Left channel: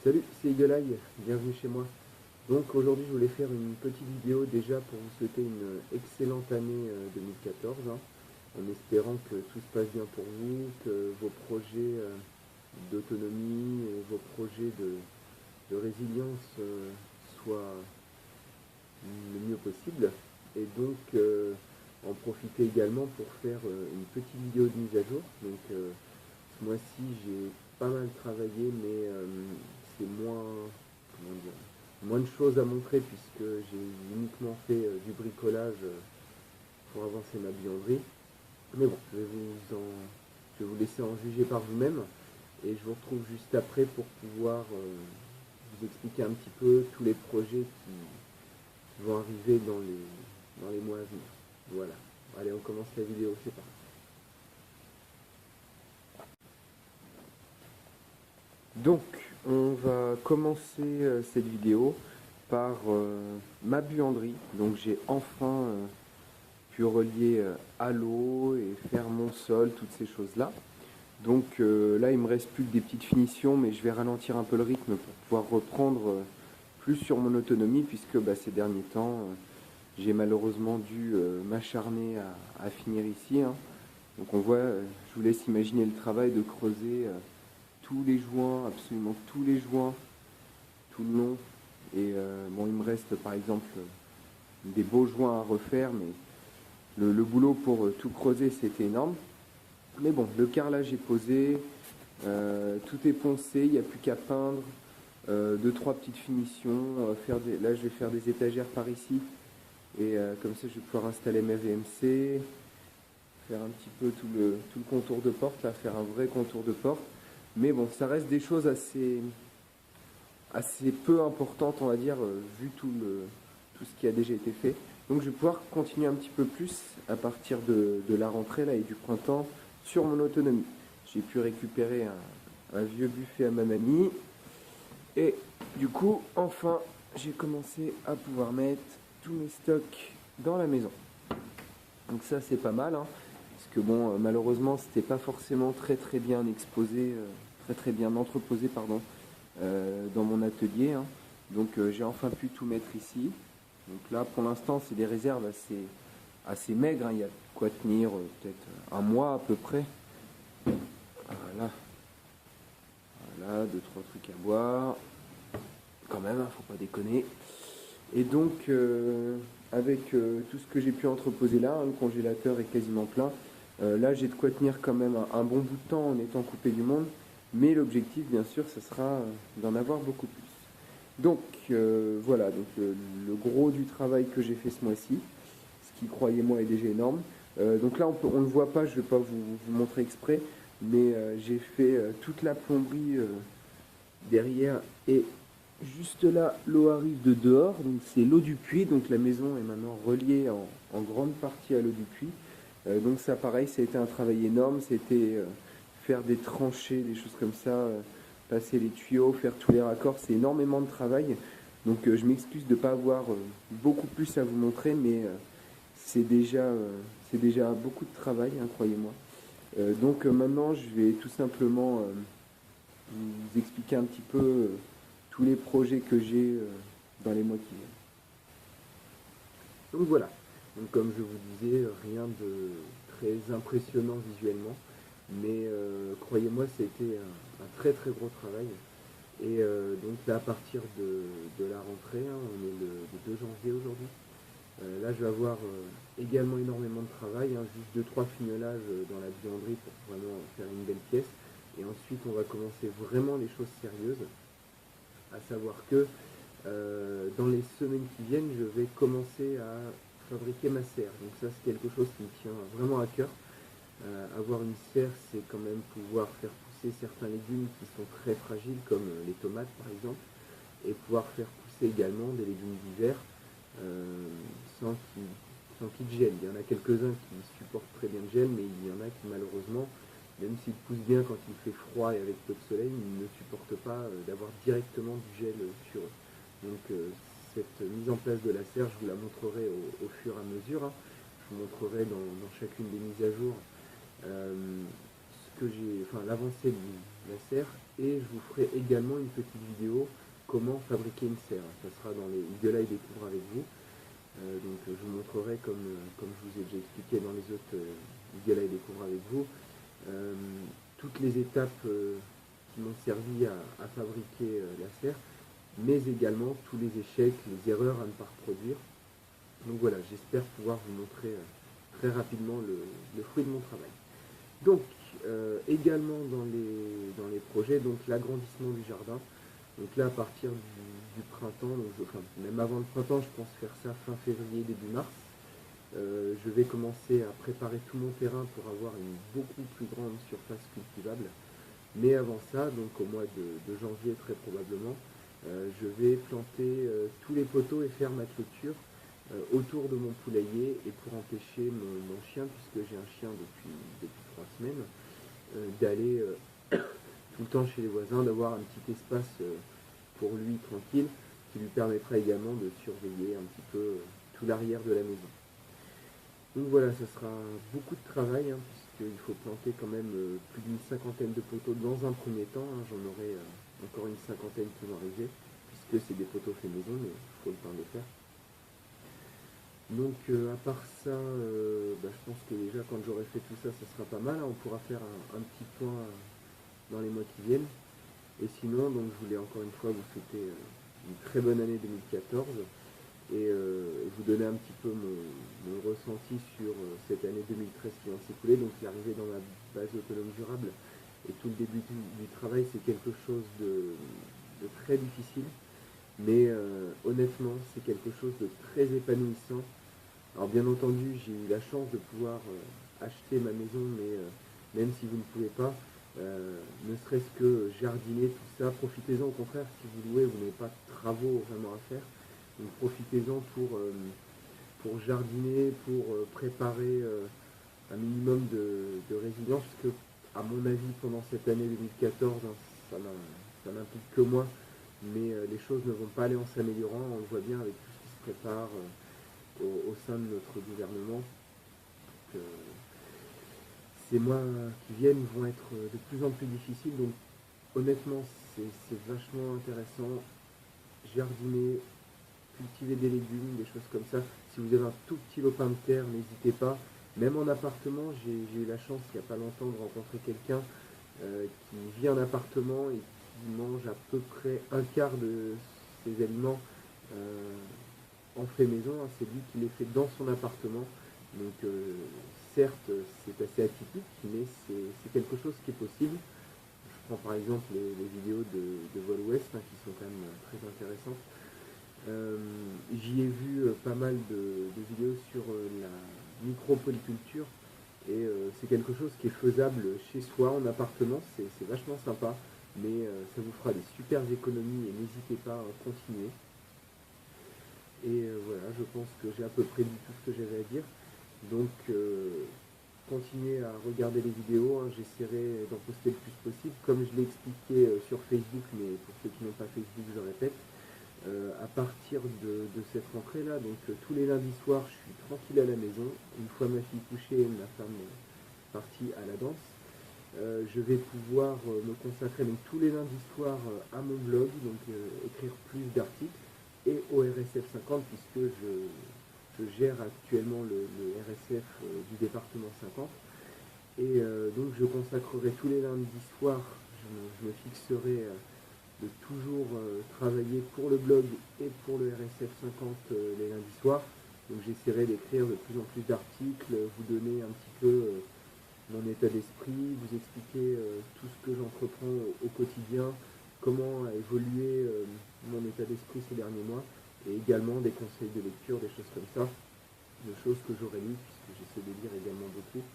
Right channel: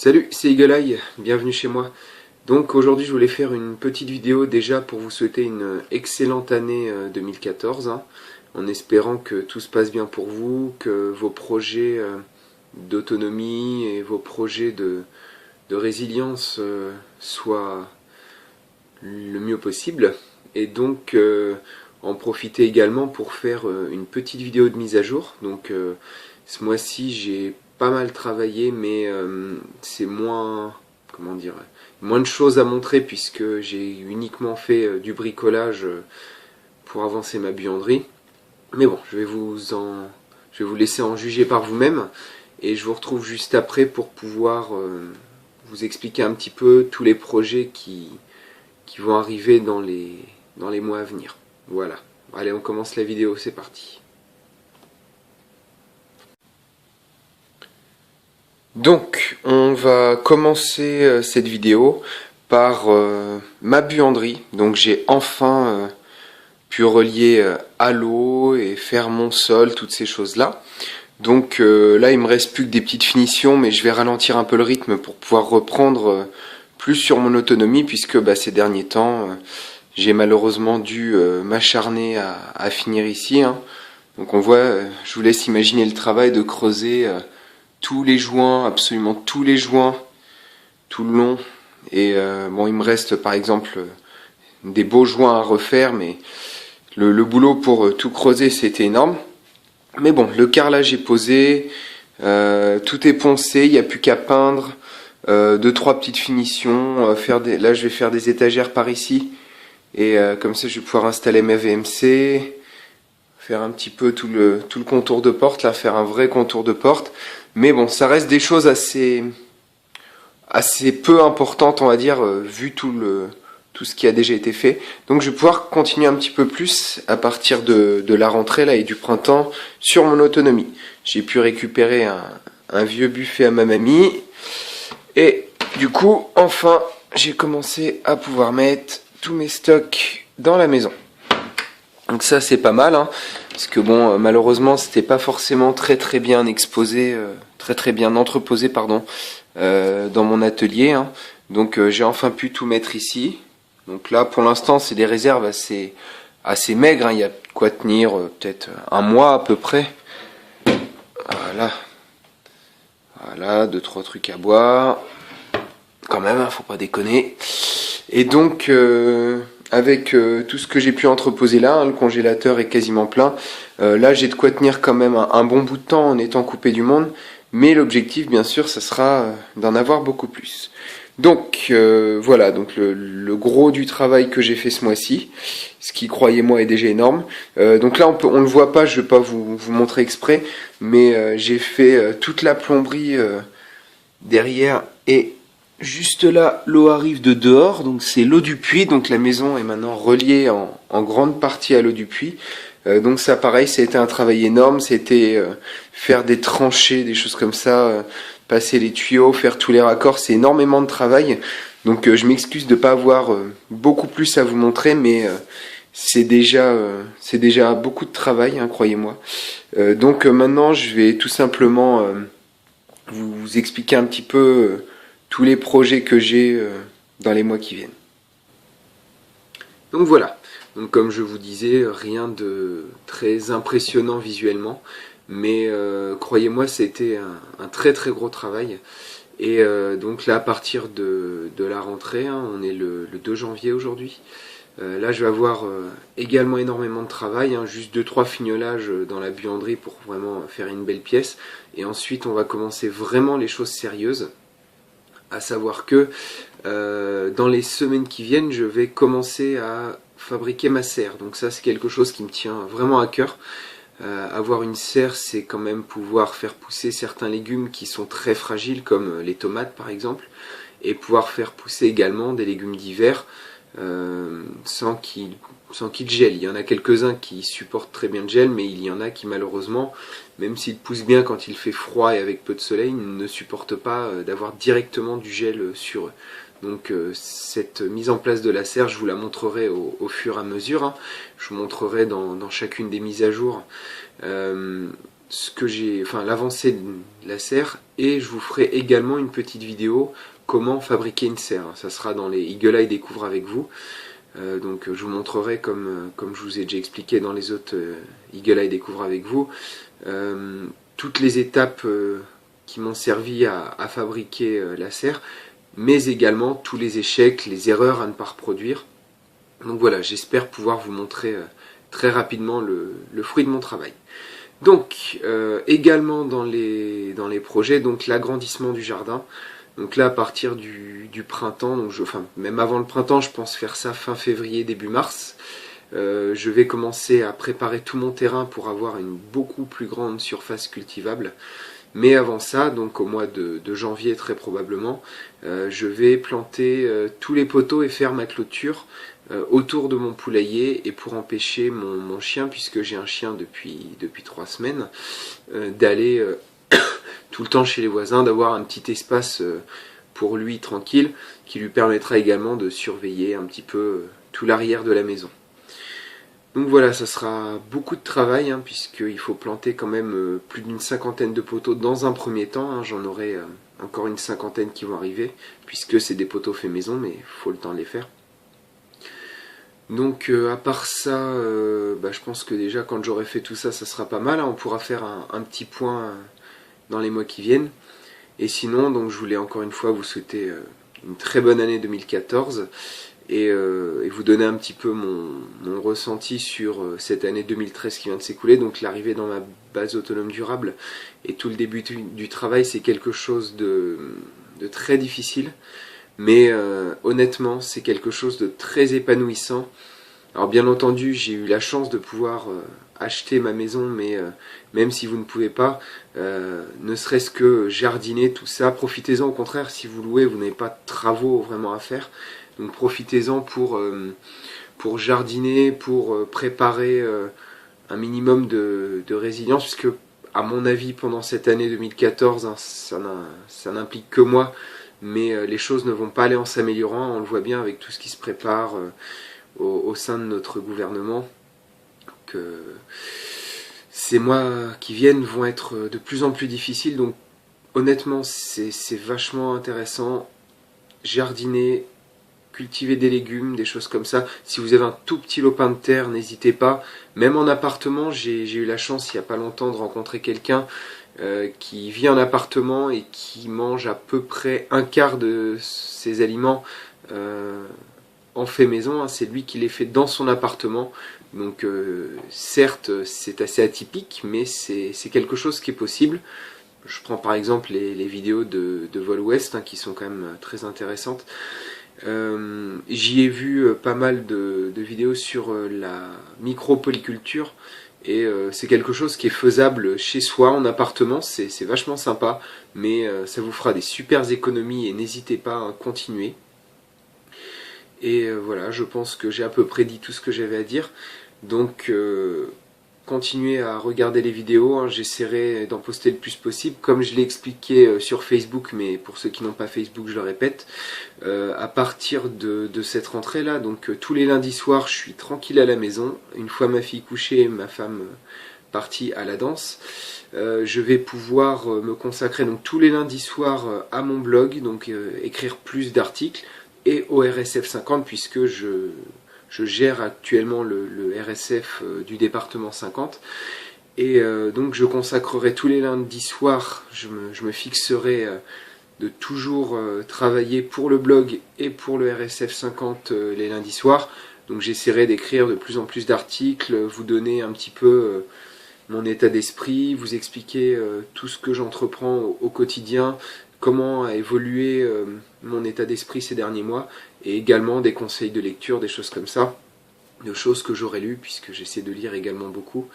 Salut, c'est Eagle Eye, bienvenue chez moi. Donc aujourd'hui je voulais faire une petite vidéo déjà pour vous souhaiter une excellente année 2014, en espérant que tout se passe bien pour vous, que vos projets d'autonomie et vos projets de résilience soient le mieux possible. Et donc en profiter également pour faire une petite vidéo de mise à jour. Donc ce mois-ci j'ai pas mal travaillé, mais c'est moins, comment dire, moins de choses à montrer puisque j'ai uniquement fait du bricolage pour avancer ma buanderie. Mais bon, je vais vous laisser en juger par vous-même et je vous retrouve juste après pour pouvoir vous expliquer un petit peu tous les projets qui vont arriver dans les mois à venir. Voilà. Allez, on commence la vidéo, c'est parti. Donc, on va commencer cette vidéo par ma buanderie. Donc, j'ai enfin pu relier à l'eau et faire mon sol, toutes ces choses-là. Donc là, il me reste plus que des petites finitions, mais je vais ralentir un peu le rythme pour pouvoir reprendre plus sur mon autonomie, puisque ces derniers temps, j'ai malheureusement dû m'acharner à finir ici. Donc on voit, je vous laisse imaginer le travail de creuser tous les joints, absolument tous les joints, tout le long. Et bon, il me reste par exemple des beaux joints à refaire, mais le boulot pour tout creuser, c'était énorme. Mais bon, le carrelage est posé, tout est poncé, il n'y a plus qu'à peindre, deux, trois petites finitions. Là, je vais faire des étagères par ici, et comme ça, je vais pouvoir installer mes VMC, faire un petit peu tout le contour de porte, là, faire un vrai contour de porte. Mais bon, ça reste des choses assez peu importantes, on va dire, vu tout ce qui a déjà été fait. Donc je vais pouvoir continuer un petit peu plus à partir de la rentrée là, et du printemps sur mon autonomie. J'ai pu récupérer un vieux buffet à ma mamie. Et du coup, enfin, j'ai commencé à pouvoir mettre tous mes stocks dans la maison. Donc ça, c'est pas mal, parce que bon, malheureusement, c'était pas forcément très bien exposé, très bien entreposé, pardon, dans mon atelier. Donc j'ai enfin pu tout mettre ici. Donc là, pour l'instant, c'est des réserves assez maigres. Il y a de quoi tenir peut-être un mois à peu près. Voilà, deux, trois trucs à boire. Quand même, faut pas déconner. Et donc, avec tout ce que j'ai pu entreposer là, le congélateur est quasiment plein. Là, j'ai de quoi tenir quand même un bon bout de temps en étant coupé du monde. Mais l'objectif, bien sûr, ça sera d'en avoir beaucoup plus. Donc, voilà, donc le gros du travail que j'ai fait ce mois-ci, ce qui, croyez-moi, est déjà énorme. Donc là, on le voit pas, je vais pas vous montrer exprès, mais j'ai fait toute la plomberie derrière et juste là, l'eau arrive de dehors, donc c'est l'eau du puits, donc la maison est maintenant reliée en grande partie à l'eau du puits. Donc ça pareil, ça a été un travail énorme, c'était faire des tranchées, des choses comme ça, passer les tuyaux, faire tous les raccords, c'est énormément de travail. Donc je m'excuse de ne pas avoir beaucoup plus à vous montrer, mais c'est déjà beaucoup de travail, croyez-moi. Donc maintenant, je vais tout simplement vous expliquer un petit peu tous les projets que j'ai dans les mois qui viennent. Donc voilà, donc comme je vous disais, rien de très impressionnant visuellement, mais croyez-moi, c'était un très gros travail. Et donc là, à partir de la rentrée, on est le 2 janvier aujourd'hui, là je vais avoir également énormément de travail, juste 2-3 fignolages dans la buanderie pour vraiment faire une belle pièce. Et ensuite on va commencer vraiment les choses sérieuses, à savoir que dans les semaines qui viennent, je vais commencer à fabriquer ma serre. Donc ça, c'est quelque chose qui me tient vraiment à cœur. Avoir une serre, c'est quand même pouvoir faire pousser certains légumes qui sont très fragiles, comme les tomates par exemple, et pouvoir faire pousser également des légumes d'hiver sans qu'ils gèlent. Il y en a quelques-uns qui supportent très bien le gel, mais il y en a qui malheureusement, même s'ils poussent bien quand il fait froid et avec peu de soleil, ne supportent pas d'avoir directement du gel sur eux. Donc cette mise en place de la serre, je vous la montrerai au fur et à mesure. Je vous montrerai dans chacune des mises à jour ce que j'ai, enfin l'avancée de la serre, et je vous ferai également une petite vidéo comment fabriquer une serre. Ça sera dans les Eagle Eye Découvre avec vous. Donc je vous montrerai comme je vous ai déjà expliqué dans les autres Eagle Eye Découvre avec vous, toutes les étapes qui m'ont servi à fabriquer la serre, mais également tous les échecs, les erreurs à ne pas reproduire. Donc voilà, j'espère pouvoir vous montrer très rapidement le fruit de mon travail. Donc également dans les projets, donc l'agrandissement du jardin. Donc là, à partir du printemps, donc enfin même avant le printemps, je pense faire ça fin février, début mars. Je vais commencer à préparer tout mon terrain pour avoir une beaucoup plus grande surface cultivable. Mais avant ça, donc au mois de janvier très probablement, je vais planter tous les poteaux et faire ma clôture autour de mon poulailler, et pour empêcher mon chien, puisque j'ai un chien depuis 3 semaines, d'aller tout le temps chez les voisins, d'avoir un petit espace pour lui tranquille, qui lui permettra également de surveiller un petit peu tout l'arrière de la maison. Donc voilà, ça sera beaucoup de travail, hein, puisqu'il faut planter quand même plus d'une cinquantaine de poteaux dans un premier temps. Hein, j'en aurai encore une cinquantaine qui vont arriver, puisque c'est des poteaux faits maison, mais il faut le temps de les faire. Donc à part ça, je pense que déjà quand j'aurai fait tout ça, ça sera pas mal. Hein, on pourra faire un petit point dans les mois qui viennent. Et sinon, donc je voulais encore une fois vous souhaiter une très bonne année 2014 et vous donner un petit peu mon ressenti sur cette année 2013 qui vient de s'écouler. Donc l'arrivée dans ma base autonome durable et tout le début du travail, c'est quelque chose de très difficile. Mais honnêtement, c'est quelque chose de très épanouissant. Alors bien entendu, j'ai eu la chance de pouvoir acheter ma maison, mais même si vous ne pouvez pas, ne serait-ce que jardiner, tout ça, profitez-en. Au contraire, si vous louez, vous n'avez pas de travaux vraiment à faire. Donc profitez-en pour jardiner, pour préparer un minimum de résilience, puisque à mon avis, pendant cette année 2014, hein, ça n'implique que moi, mais les choses ne vont pas aller en s'améliorant. On le voit bien avec tout ce qui se prépare au sein de notre gouvernement, que ces mois qui viennent vont être de plus en plus difficiles. Donc honnêtement, c'est vachement intéressant. Jardiner, cultiver des légumes, des choses comme ça. Si vous avez un tout petit lopin de terre, n'hésitez pas. Même en appartement, j'ai eu la chance il n'y a pas longtemps de rencontrer quelqu'un qui vit en appartement et qui mange à peu près un quart de ses aliments en fait maison. Hein. C'est lui qui les fait dans son appartement. Donc certes, c'est assez atypique, mais c'est quelque chose qui est possible. Je prends par exemple les vidéos de Vol Ouest, hein, qui sont quand même très intéressantes. J'y ai vu pas mal de vidéos sur la micro-polyculture, et c'est quelque chose qui est faisable chez soi, en appartement. C'est vachement sympa, mais ça vous fera des super économies, et n'hésitez pas à continuer. Et voilà, je pense que j'ai à peu près dit tout ce que j'avais à dire. Donc continuez à regarder les vidéos, hein, j'essaierai d'en poster le plus possible, comme je l'ai expliqué sur Facebook, mais pour ceux qui n'ont pas Facebook, je le répète, à partir de cette rentrée là, donc tous les lundis soirs, je suis tranquille à la maison, une fois ma fille couchée, ma femme partie à la danse, je vais pouvoir me consacrer donc tous les lundis soirs à mon blog, donc écrire plus d'articles, et au RSF 50, puisque je gère actuellement le RSF du département 50, et donc je consacrerai tous les lundis soirs, je me fixerai de toujours travailler pour le blog et pour le RSF 50 les lundis soirs. Donc j'essaierai d'écrire de plus en plus d'articles, vous donner un petit peu mon état d'esprit, vous expliquer tout ce que j'entreprends au quotidien, comment a évolué mon état d'esprit ces derniers mois, et également des conseils de lecture, des choses comme ça, de choses que j'aurais lues, puisque j'essaie de lire également beaucoup.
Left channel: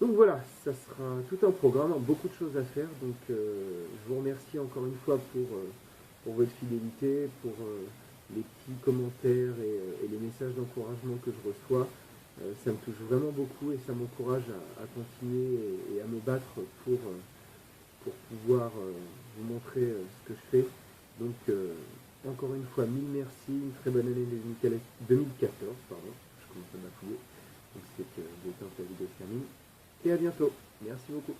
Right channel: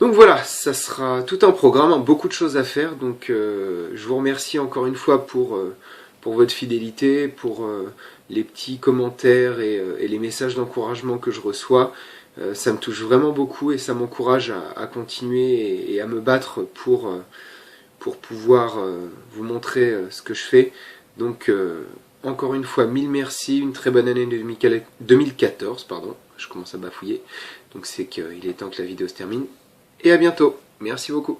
Donc voilà, ça sera tout un programme, hein, beaucoup de choses à faire, donc je vous remercie encore une fois pour votre fidélité, pour les petits commentaires et les messages d'encouragement que je reçois. Ça me touche vraiment beaucoup, et ça m'encourage à continuer et à me battre pour pouvoir vous montrer ce que je fais. Donc encore une fois, mille merci, une très bonne année 2014, pardon, je commence à bafouiller, donc c'est qu'il est temps que la vidéo se termine, et à bientôt, merci beaucoup.